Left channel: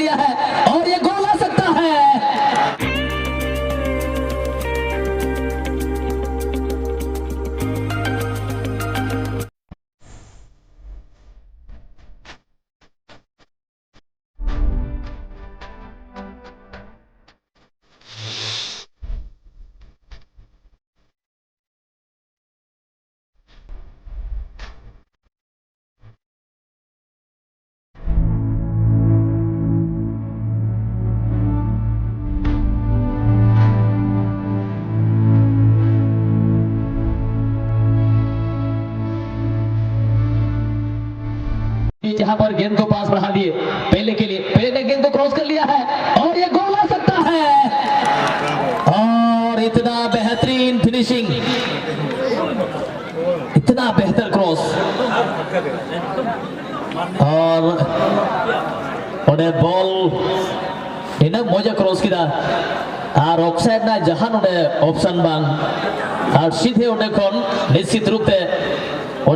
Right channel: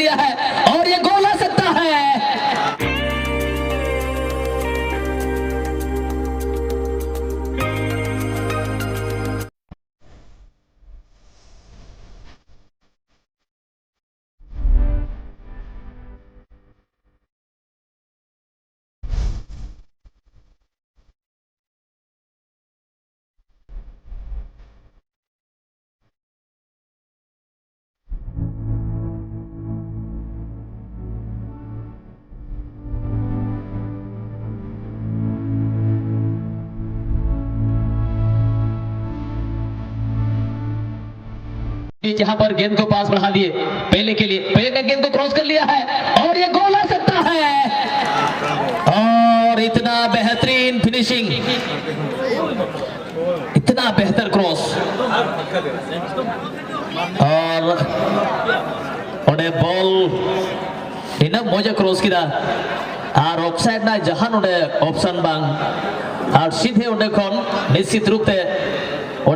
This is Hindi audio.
लिया है और ये गोल आ सकता है। जहां पर गेंद को पास बढ़ा दिए पहले के लिए, पहले ने गेंद को क्रॉस कर लिया है और ये गोल आ सकता है। और इतना बेहतरीन फिनिशिंग, इतना बेहतर क्रॉस और ओडे बॉल ina moja क्रॉस किदा আর অফসাইড না জাহান ওডে অপশন বাং আর সিধে ওডে কোন নিশ্চিত রূপে